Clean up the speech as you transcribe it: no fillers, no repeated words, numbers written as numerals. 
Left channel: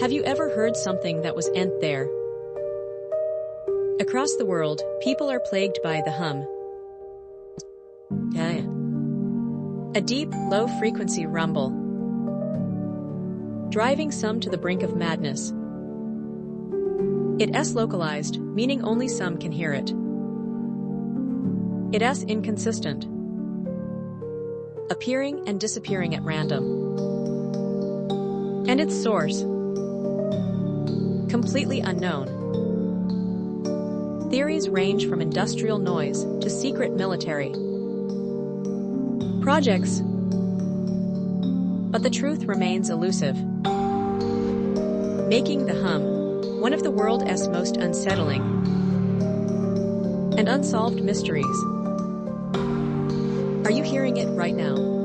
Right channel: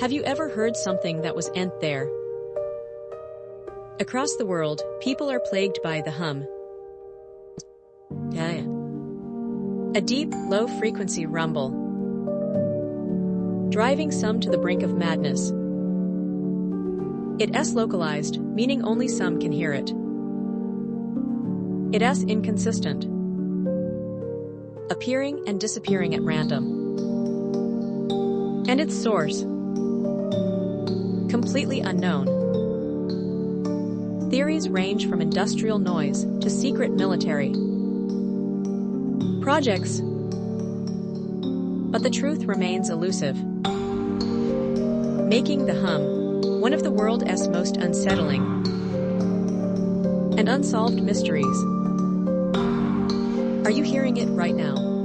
Have you ever heard something that was ain't there? Across the world, people are plagued by the hum. A deep, low-frequency rumble, driving some to the brink of madness. It's localized, meaning only some can hear it. It's inconsistent, appearing and disappearing at random. And its source, completely unknown. Theories range from industrial noise to secret military projects, but the truth remains elusive, making the hum one of the world's most unsettling and unsolved mysteries. Are you hearing it right now?